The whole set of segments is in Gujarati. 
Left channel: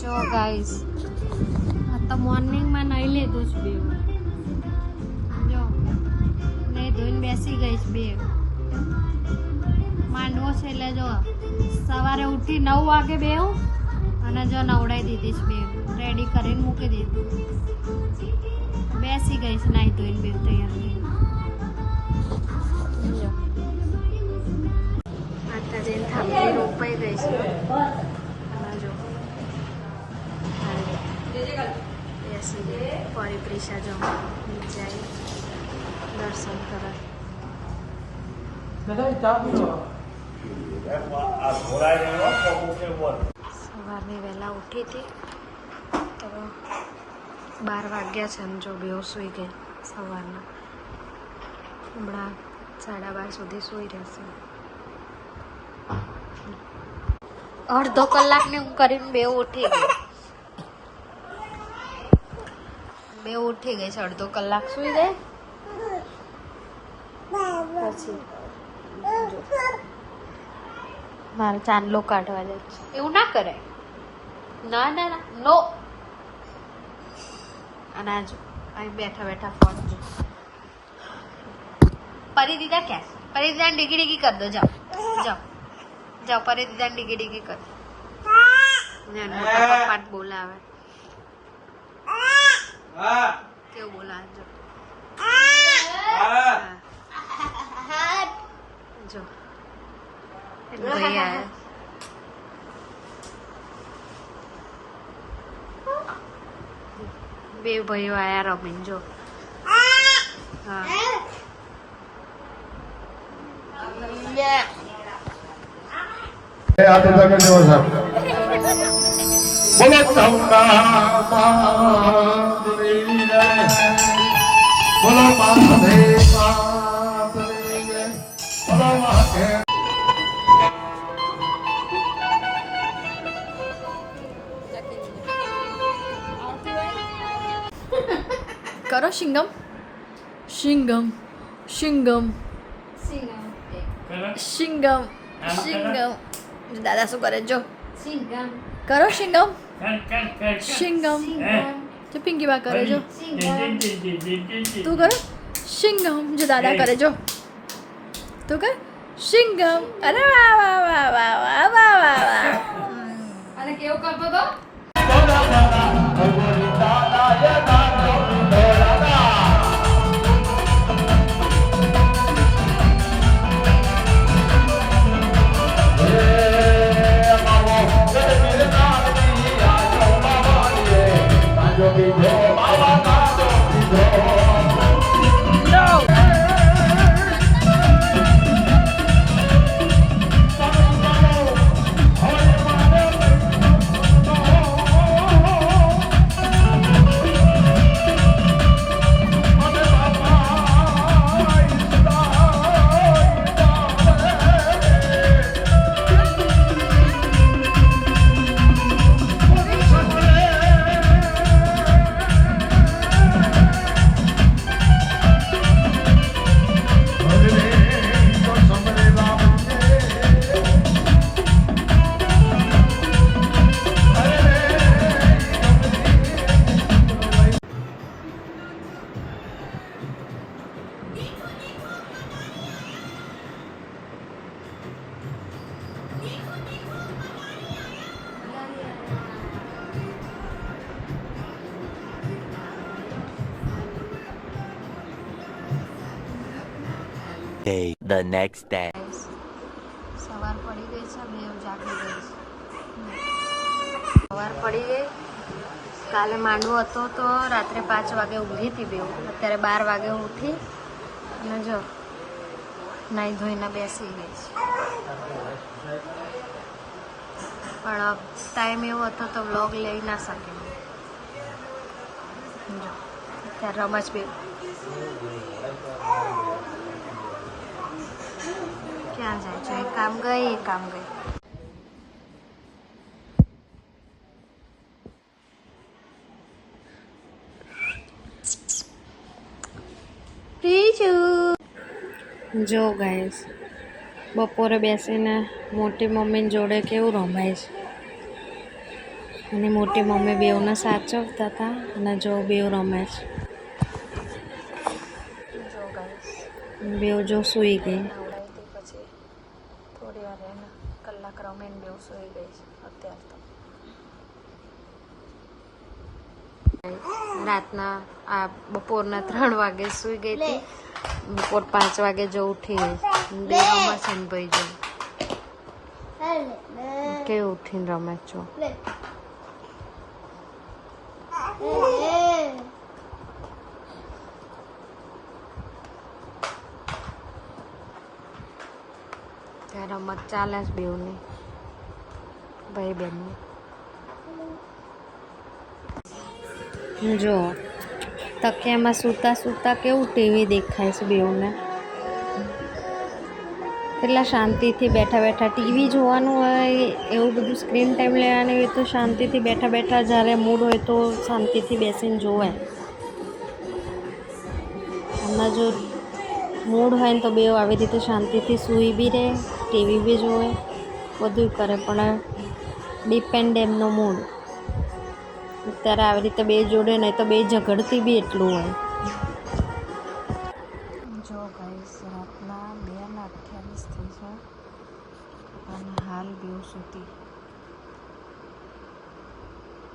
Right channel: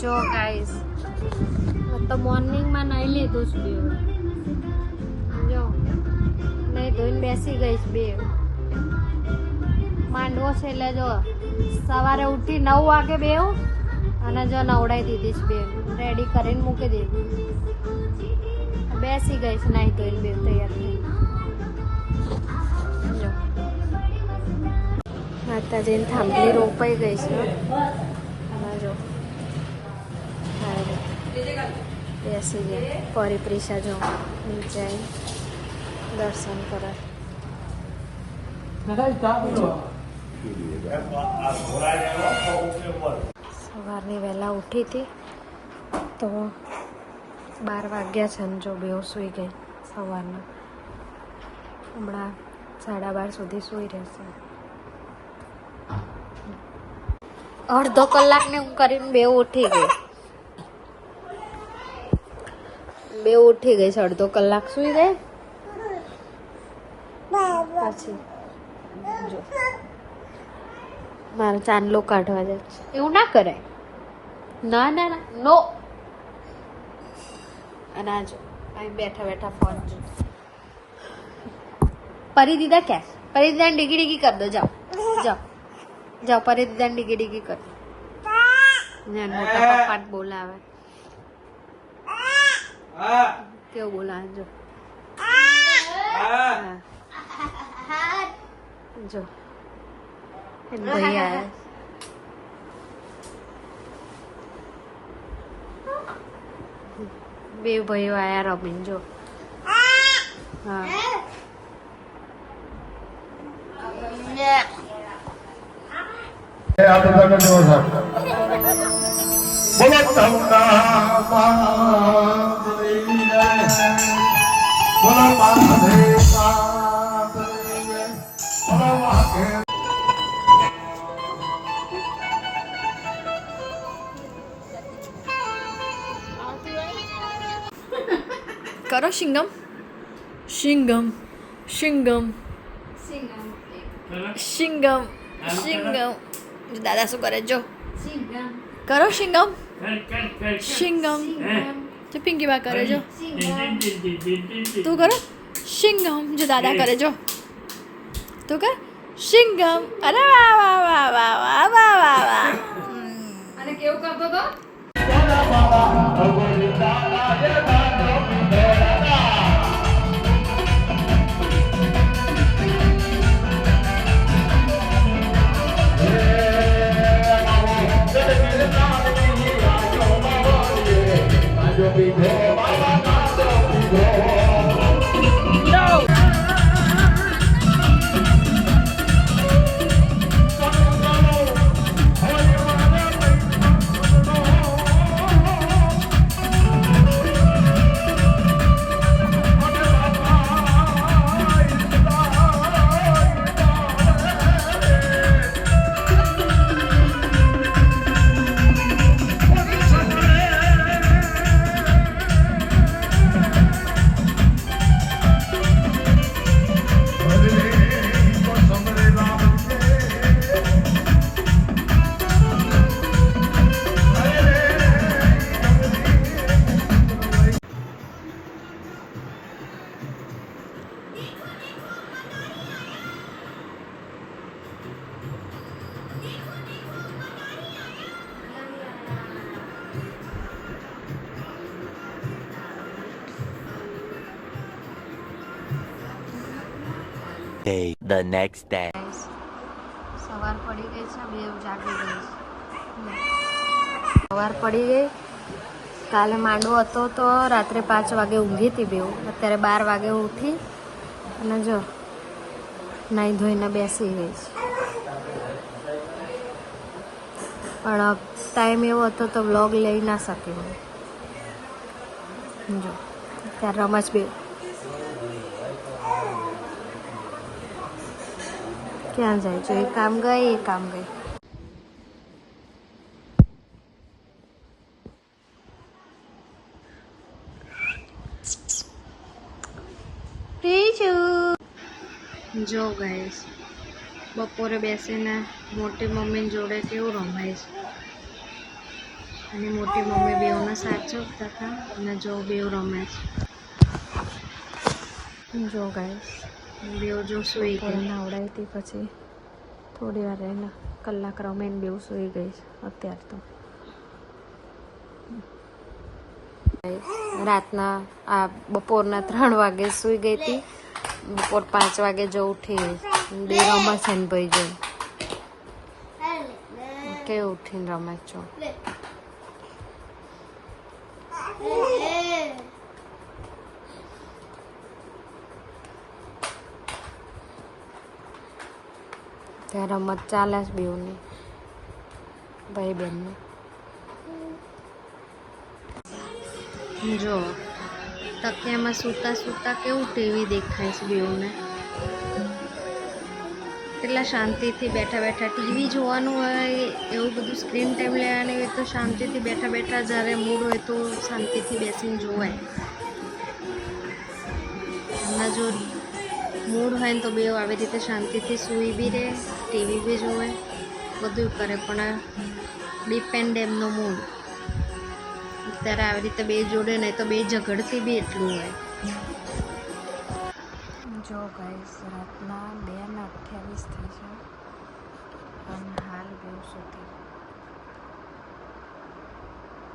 જો ગાઈસ તો મોર્નિંગમાં નહીં લીધું જ બે જો નહીં ધોઈને બેસી ગઈશ બે માંડવો છે એટલે જો સવારે ઉઠી 9 વાગે બે અને જો નવડાવી દીધીશ બે રેડી કરીને મૂકી દીધી બેસી ગઈશ નહીં ધોઈને બે તૈયાર થઈ જો માતાજીની થાંભલી રોપાઈ ગઈ છે અને જો બેસી ગયા પરિક્રિષા જો નીચે દર્શન કરે સવારની વહેલા ઉઠી હતી તો 12 વાગ્યા છે ને જો બેવ સૂઈ ગઈ સવારના હમણાં 12:30 સુધી સૂઈ રહેશે અડધો કલાકને હું કરીને બે ઉઠી ગઈ છે અડધો કલાક સૂઈ ગઈ પછી મારે ચાંદલો કાઢવા જાય એવું ના કરાય ના ના ના નો અને જો અહીં બેઠા બેઠા ફોન જો પરી દીધા ક્યાં પરી દીધા ડીગી ડીગી કરી દો જાઓ જાઓ જાઓ પરી દીધા ડીગી ડીગી કર મોટા પપ્પા બોલાવે કેવું બોલાવે જો જો ભાઈ આયા બે ભાઈઓ આયા રમીને જો હા કરો શિંગમ શિંગમ શિંગમ શિંગમ શિંગમ દાદા શું કરે જો કરો શિંગમ શિંગમ જો પિંકી બા કરે જો તું કરો શિંગમ જો દાદા કરે જો તું કર શિંગમ અરે વાહ વાહ વાહ વાહ વાહ વાહ વાહ વાહ અને કેવું કરતો તો The next day. સવાર પડી ગઈ છે બે જાગી ગઈ સવાર પડી ગઈ કાલે માંડવો હતો તો રાત્રે 5 વાગે ઊંઘી હતી બેવ અત્યારે 12 વાગે ઉઠી અને જો નાઈ ધોઈને બેસી ગઈ પણ ટાઈમ એવો હતો તો વ્લોગ લઈ ના શકી જો ત્યારે રમશ બે ક્યાં જાય છે કામ ગઈ એ કામ ગઈ જો ગાઈસ બપોરે બેસીને મોટી મમ્મી જોડે કેવું રમાય છે અને મોટી મમ્મી બેઉને સાચવતા હતા અને જો બેઉ રમે છે. જો ગાઈસ બેઉ જો સૂઈ ગઈ નાવડાવી પછી થોડી વાર એને કલાક રમે ને બેઉ સૂઈ ગઈ છે અત્યારે તો. રાતના આ બપોરના 3 વાગે સૂઈ ગઈ હતી, બપોર 5 વાગે જો ઉઠી બે રમે છે ને ભાઈ જો કેવું ઉઠીને રમે છો. ત્યાં રમત ચાલે છે બેઉની ભાઈ બહેનની. જો તકિયામાં સૂતા સૂતા કેવું ટીવી દેખાય છે બેઉને. કેટલા શાંતિથી બેઠા બેઠા ટીવી જોવાનું હોય એવું બધું સ્ક્રીન ટાઈમ લેવાનું હોય તો શાંતિથી બેઠા બેઠા જ્યારે મૂડ હોય તો શાંતિથી બેસીને જોવે. આમાં જો મૂડ હોય ને તો બેઉ આવી રીતે શાંતિથી સૂઈ બી રહે, ટીવી બી જોવે, બધું કરે. પણ ડિપેન્ડ એમનો મૂડ. અત્યારે આવી રીતે બે જોડે નહીં તો બે ઝઘડતી બી એટલું હોય. જો ગાઈસ રાતના 2:28 થઈ છે અને હાલ બેઉ સૂતી.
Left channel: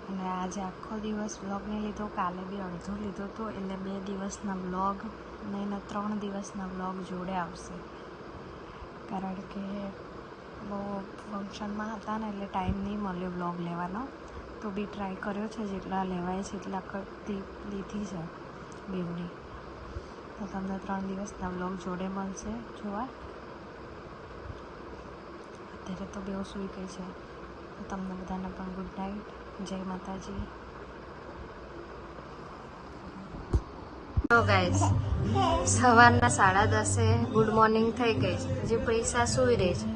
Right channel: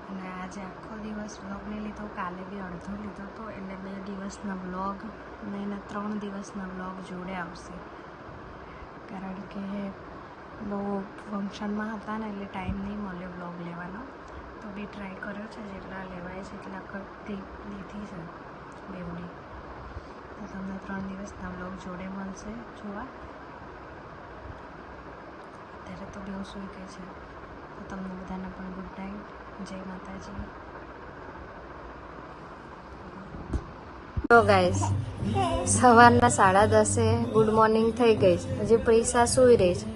અને આજે આખો દિવસ વ્લોગ નહીં લીધો, કાલે બી અડધો લીધો હતો, એટલે 2 દિવસના વ્લોગ નહીં ને 3 દિવસના વ્લોગ જોડે આવશે. કારણ કે બહુ ફંક્શનમાં હતા ને એટલે ટાઈમ નહીં મળ્યો વ્લોગ લેવાનો. તો બી ટ્રાય કર્યો છે, જેટલા લેવાય છે એટલા કરતી લીધી છે બેવની. તો તમને 3 દિવસના વ્લોગ જોડે મળશે જોવા. અત્યારે તો બેઉ સૂઈ ગઈ છે. તો તમને બધાને પણ ગુડ નાઇટ, જય માતાજી. તો ગાઈસ સવારના 10:30 ગુડ મોર્નિંગ થઈ ગઈ છે. હજી પૈસા સૂઈ રહી છે.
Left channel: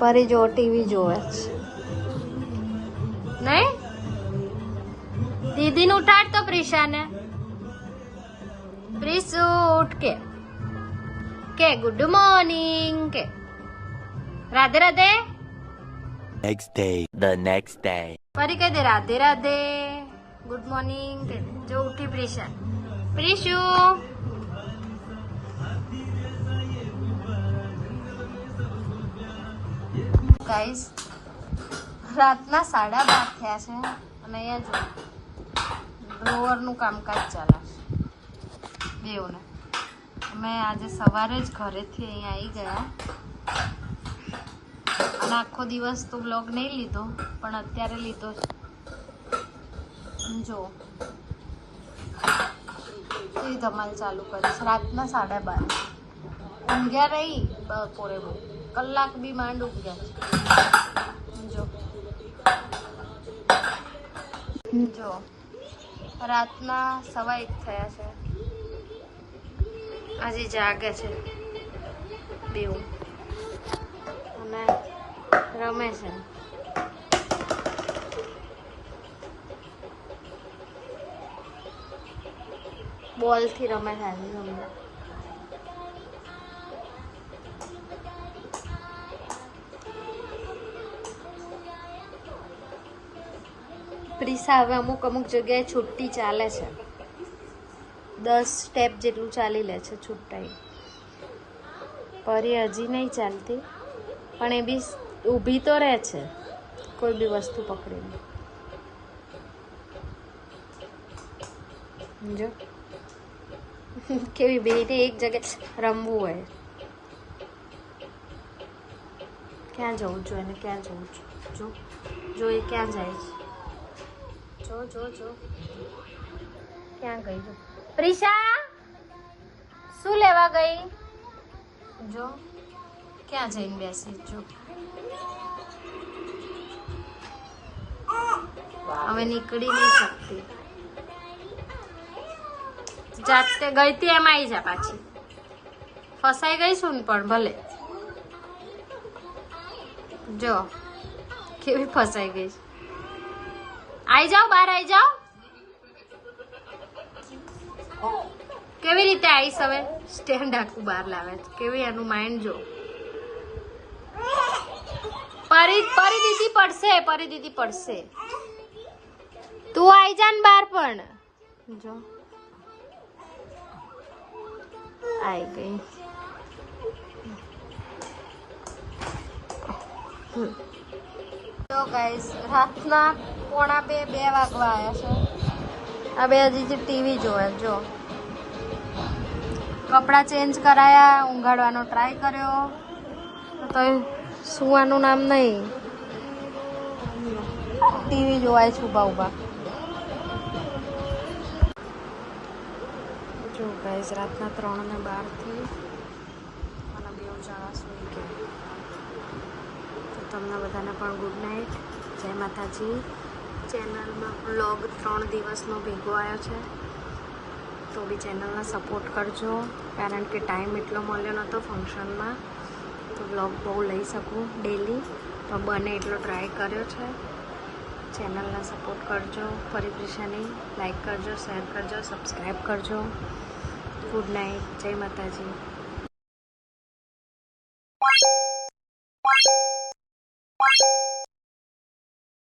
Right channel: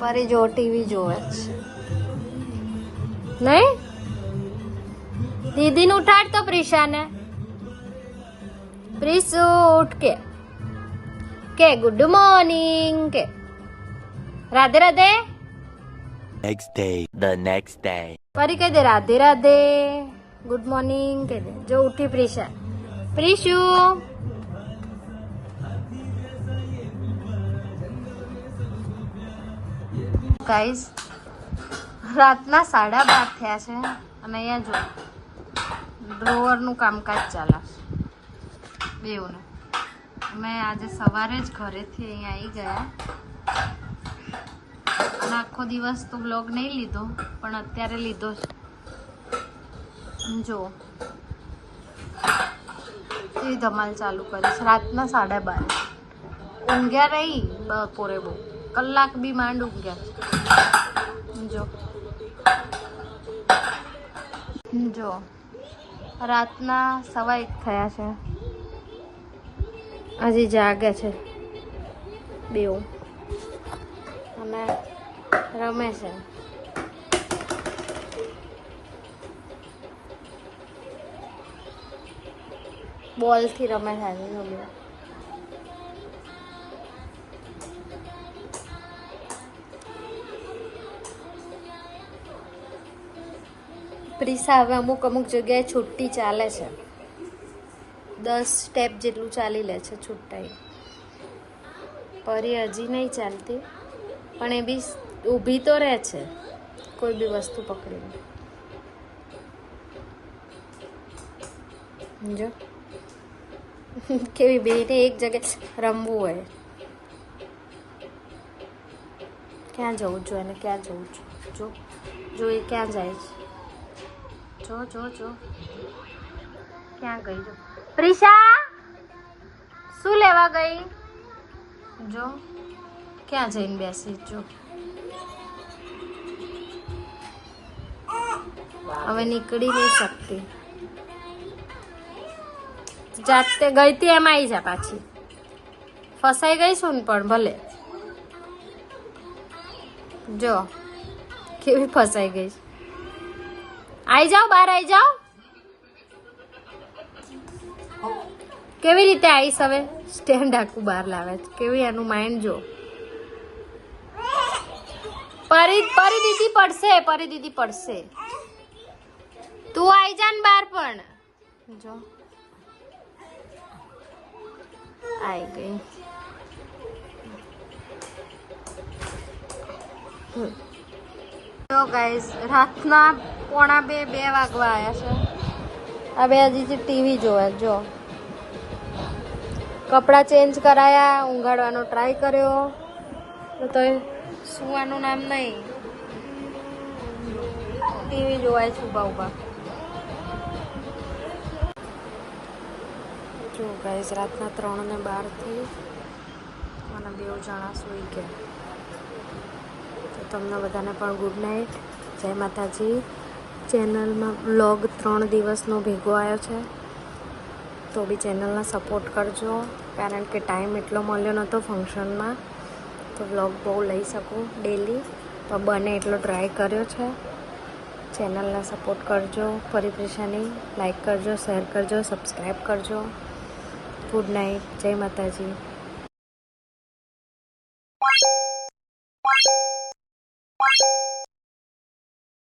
પરી જો ટીવી જોવે છે નહીં. દીદીને ઉઠાડ તો પ્રિશાને. પ્રિસુ ઉઠ કે ગુડ મોર્નિંગ કે Radhe Radhe. Next day. The next day. પરી કહી દે રાધે રાધે ગુડ મોર્નિંગ કે જો ઉઠી પ્રિશા. પ્રિશુ ગાઈસ રાતના 12:30 થયા છે અને અહીંયા જો ડ્રોવરનું કામકાજ ચાલે બેઉને. અમે આજે સવારે જ ઘરેથી અહીંયા આવી ગયા અને આખો દિવસ તો બ્લોગ નહીં લીધો પણ અત્યારે લીધો છે. જો એ ધમાલ ચાલુ કરીશ. રાતના 12:30 ઊંઘ્યા રહી બપોરે બહુ કલાક બી માંડ ઊંઘ્યા છે. જો રાતના 1:15 થયા છે, હજી જાગે છે બેઉ અને રમે છે. બોલથી રમે છે આજે રમે. પ્રિસા હવે અમુક જગ્યાએ છુટ્ટી ચાલે છે. 10 સ્ટેપ જેટલું ચાલી લે છે છુટ્ટાઈ. પરી હજી નહીં ચાલતી પણ એ બી ઊભી તો રહે છે કોઈ બી વસ્તુ પકડીને. જો કેવી બેને એક જગ્યાએ રમવું હોય. ક્યાં જવું જોઈએ અને ક્યાં જવું જો જો એ ક્યાં જાય છે. જો જો જો ક્યાં ગઈ પ્રિશા? શું લેવા ગઈ? જો ક્યાં જઈને બેસી. જો હવે નીકળી નહીં શકતી. જાતે ગઈ હતી એમ આવી જા પાછી. ફસાઈ ગઈ છું ને પણ ભલે જો કેવી ફસાઈ ગઈ. આવી જાઓ બહાર આવી જાઓ. કેવી રીતે આવીશ હવે? સ્ટેન્ડ આખું બહાર લાવે છે. કેવી એનું માઇન્ડ જો. પરી દીદી પડશે, પરી દીદી પડશે. તું આઈ જા ને બહાર પણ જો આઈ ગઈ. તો ગાઈસ રાતના 1:45 વાગવા આવ્યા છે. હવે હજી ટીવી જોવે. જો કપડાં ચેન્જ કરાયા, ઊંઘાડવાનો ટ્રાય કર્યો તો સુવાનું નામ નહીં. ટીવી જોવાય છે ઊભા ઊભા. જો ગાઈસ રાતના 3:12 થઈ અને 2 જણા સૂઈ ગયા. તો તમને બધાને પણ ગુડ નાઇટ. જય માતાજી. ચેનલમાં વ્લોગ 3 દિવસનો ભેગો આવ્યો છે તો બી ચેનલને સપોર્ટ કરજો, કારણ કે ટાઈમ એટલો મળ્યો નહોતો ફંક્શનમાં તો વ્લોગ બહુ લઈ શકું ડેલી, પણ બને એટલો ટ્રાય કર્યો છે. ચેનલને સપોર્ટ કરજો. પરિપ્રેક્ષાની લાઈક કરજો, શેર કરજો, સબસ્ક્રાઈબ કરજો. Good night. જય માતાજી.